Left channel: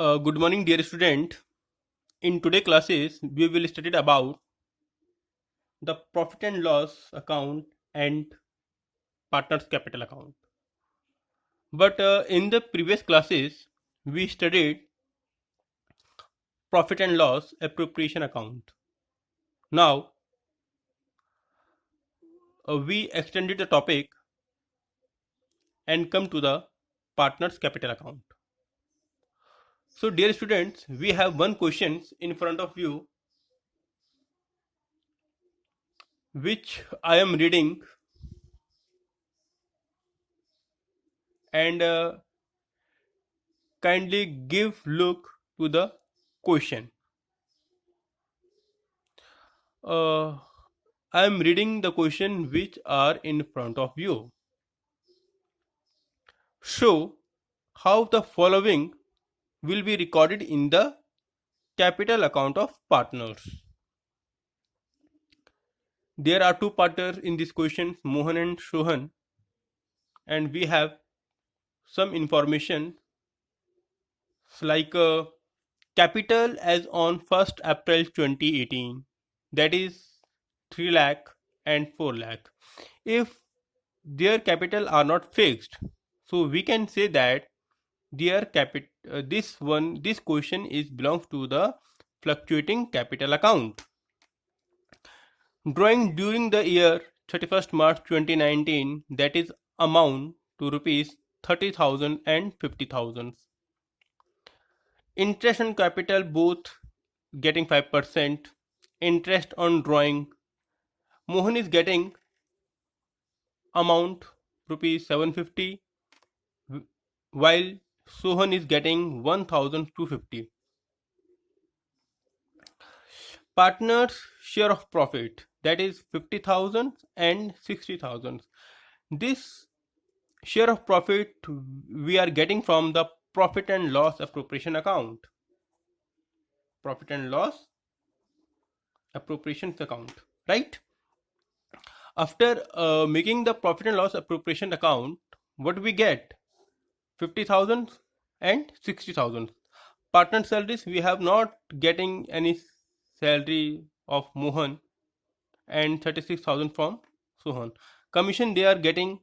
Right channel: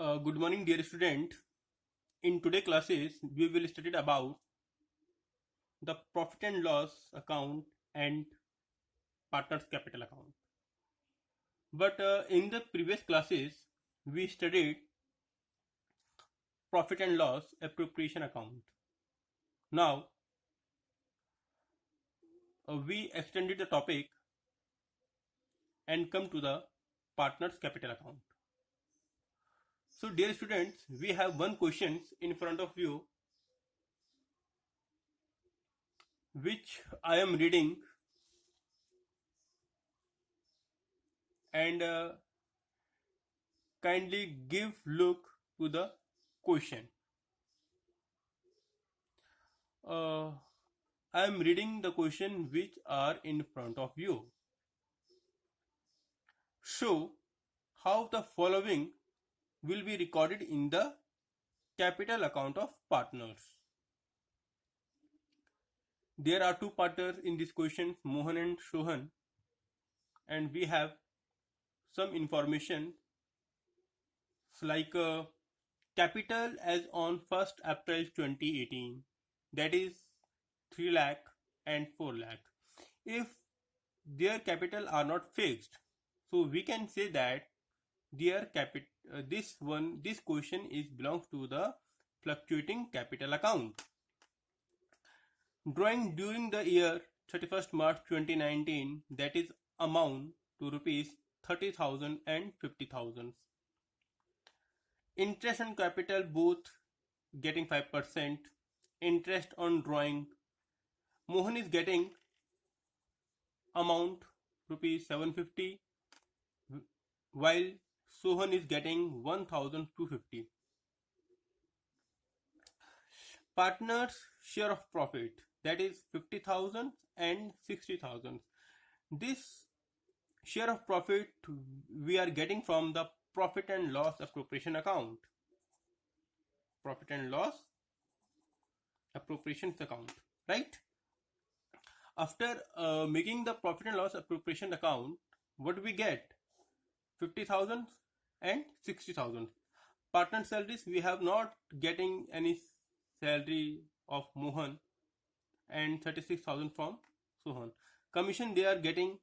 Good morning, dear student. In today classes, we will study about the profit and loss account and partners capital account. But in the previous classes, we studied profit and loss appropriation account. Now, we extended the topic and come to the partners capital account. So, dear students, we have one question in front of you, which I am reading, and kindly give look to the question. Uh, I am reading the question which are in front of you. Show how the following will be recorded in the capital account of partners. There are two partners in this question, Mohan and Sohan, and we have some information like capital as on 1st April 2018, that is 3 lakh and 4 lakh. If their capital are not fixed, so we can say that their this question is belongs to the fluctuating capital account. Drawing during the year 31st March 2019, that is amount to rupees 30,000 and 50,000. Interest on capital both getting 5%. Interest on drawing, Mohan is getting amount rupees 750, while Sohan is getting 1,250. Partners share of profit, that is 50,000 and 60,000. This share of profit we are getting from the profit and loss appropriation account. Profit and loss appropriations account, right? After making the profit and loss appropriation account, what we get? 50,000 and 60,000. Partner salaries, we have not getting any salary of Mohan, and 36,000 from Sohan. Commission they are getting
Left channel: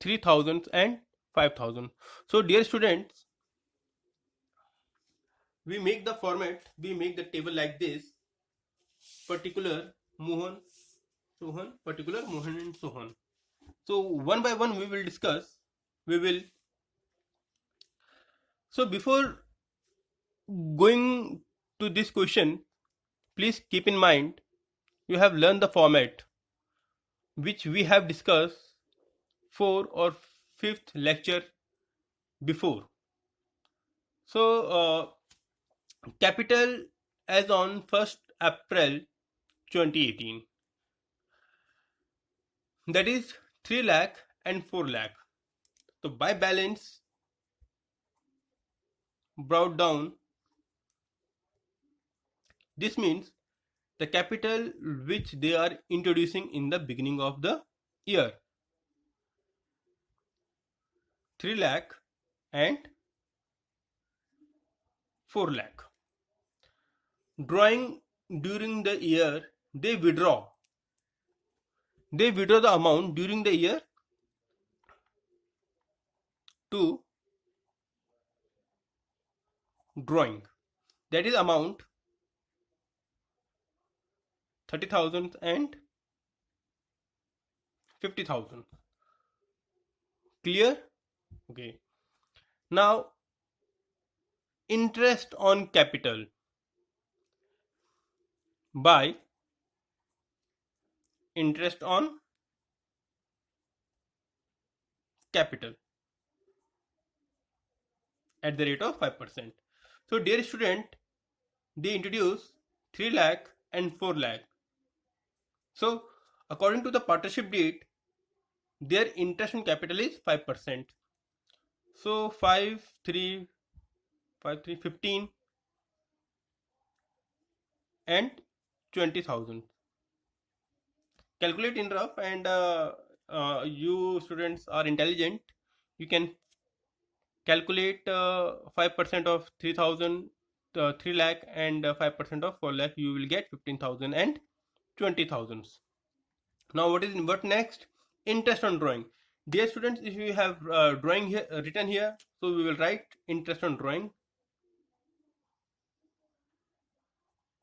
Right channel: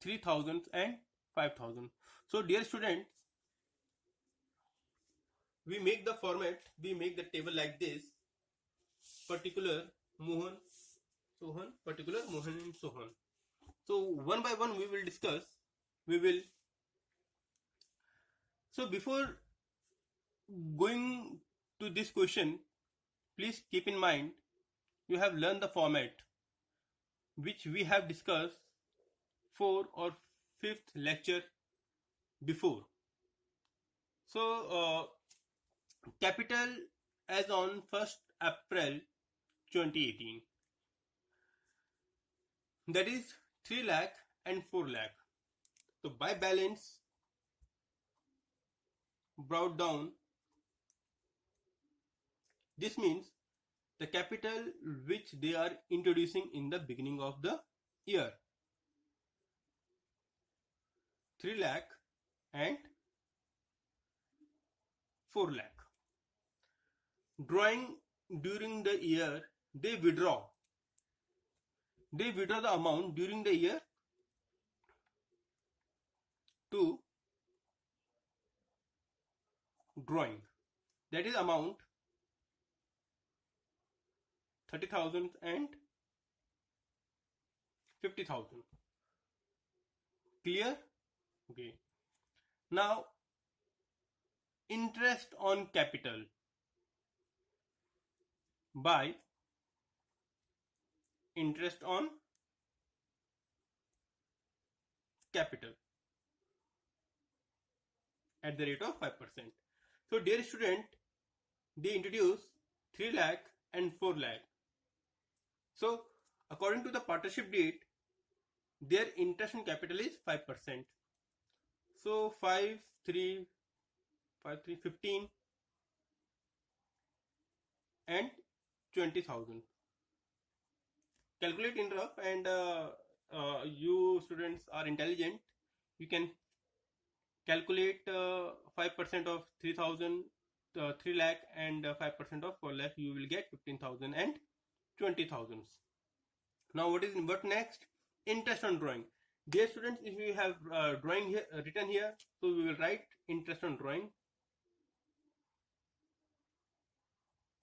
3,000 and 5,000. So dear students, we make the table like this: particular Mohan, Sohan, particular Mohan and Sohan. So one by one we will discuss. We will. So before going to this question, please keep in mind you have learned the format which we have discussed 4th or 5th lecture before. So capital as on 1st April 2018, that is 3 lakh and 4 lakh. So by balance brought down, this means the capital which they are introducing in the beginning of the year, 3 lakh and 4 lakh. Drawing during the year, they withdraw the amount during the year to drawing, that is amount 30,000 and 50,000. Clear? Okay. Now interest on capital by interest on capital at the rate of 5%. So dear student, they introduce 3 lakh and 4 lakh. So according to the partnership deed, their interest on capital is 5%. So 5, 3, 5, 3, 15 and 20,000. Calculate in rough, and you students are intelligent. You can calculate 5% of 3000, 3 lakh, and 5% of 4 lakh, you will get 15,000 and 20,000. Now what next? Interest on drawing. Dear students, if you have drawing here written here, so we will write interest on drawing.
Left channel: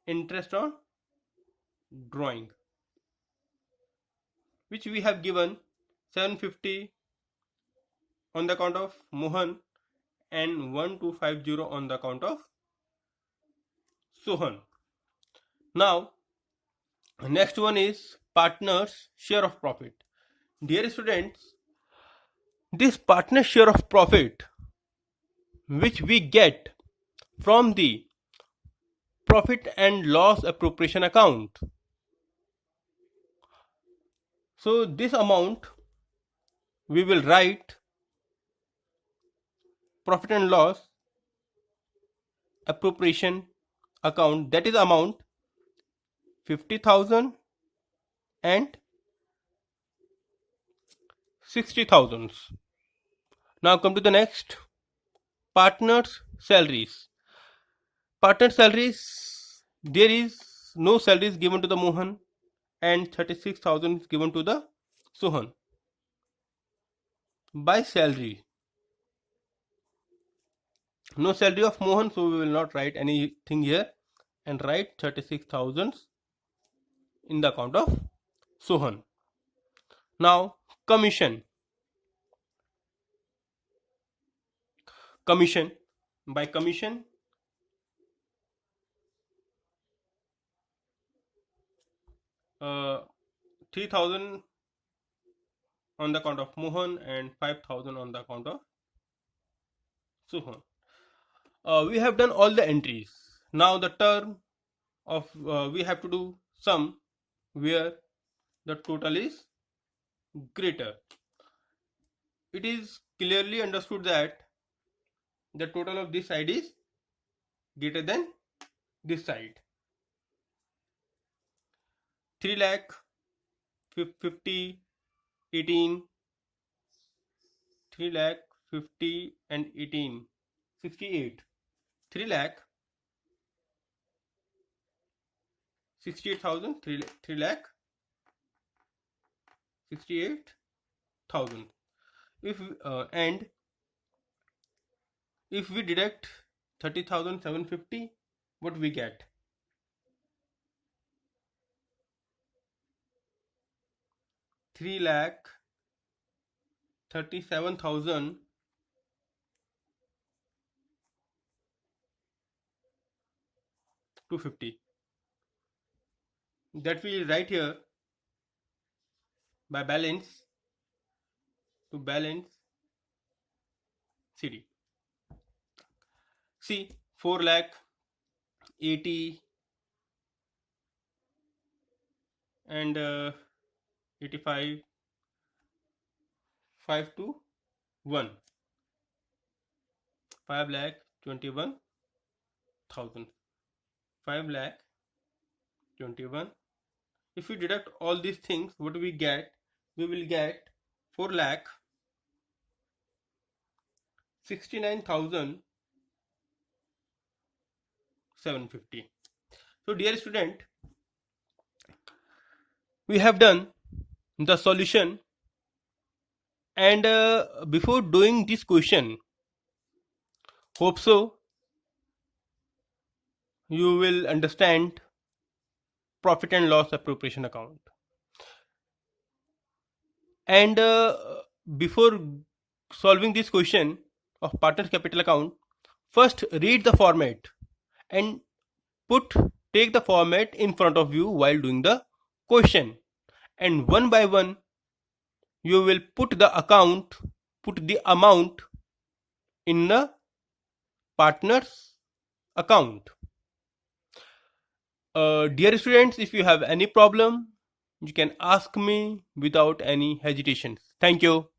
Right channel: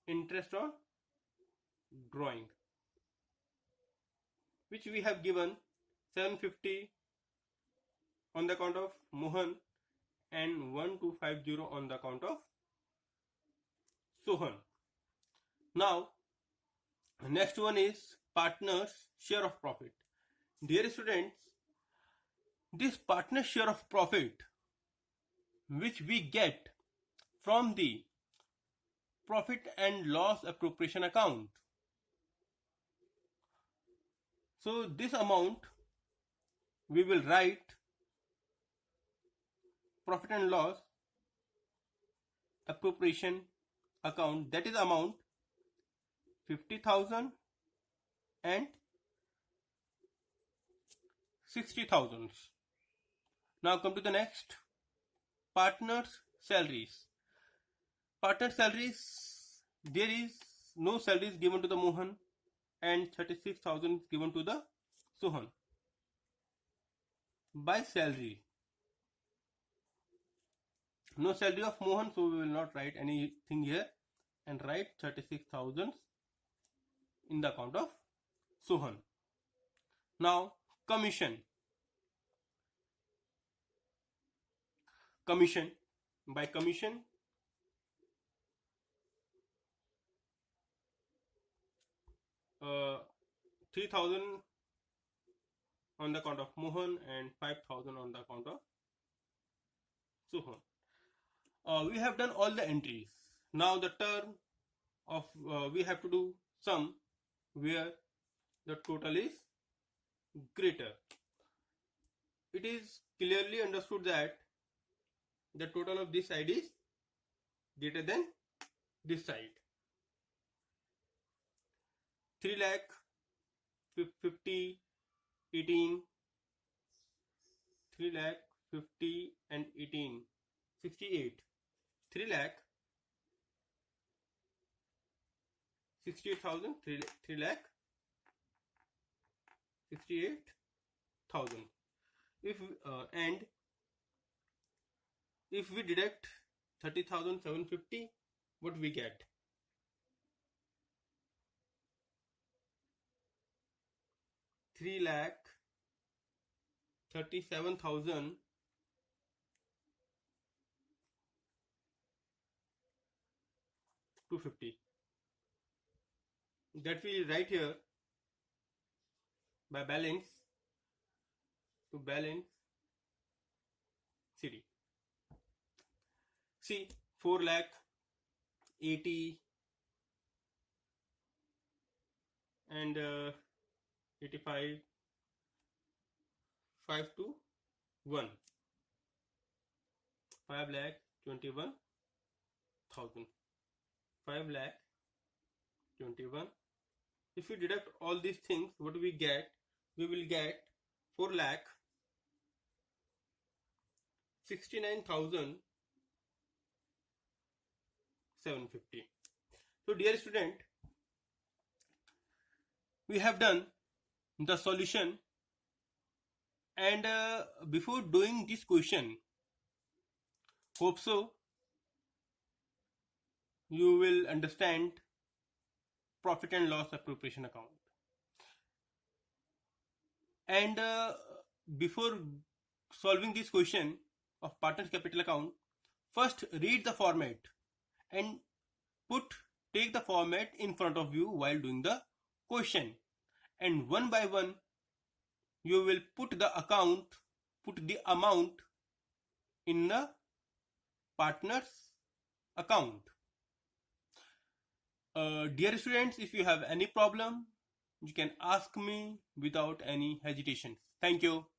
Interest on drawing, which we have given 750 on the account of Mohan and 1250 on the account of Sohan. Now next one is partners share of profit. Dear students, this partner share of profit which we get from the profit and loss appropriation account. So this amount we will write profit and loss appropriation account, that is amount 50,000 and 60,000. Now come to the next, partners salaries. Partner salaries, there is no salaries given to the Mohan and 36,000 is given to the Sohan. By salary, no salary of Mohan, so we will not write anything here and write 36,000 in the account of Sohan. Now commission. By commission, uh, 3,000 on the account of Mohan and 5,000 on the account of Sohan. We have done all the entries. Now the term of we have to do sum where the total is greater. It is clearly understood that the total of this side is greater than this side. 3 lakh 50 18, 3 lakh 50 and 18 68, 3 lakh 68,000, 3 lakh 68,000. If we deduct 30,750, what we get? 3 lakh 37,250. That we write here by balance to balance CD. See, 4 lakh 80 and 85, 5 to 1, 5 lakh 21,000, 5 lakh 21. If we deduct all these things, what do we get? We will get 4 lakh 69,750. So dear student, we have done the solution, and before doing this question, hope so you will understand profit and loss appropriation account. And before solving this question of partners capital account, first read the format and take the format in front of you while doing the question, and one by one you will put the amount in the partners account. Dear students, if you have any problem, you can ask me without any hesitation. Thank you.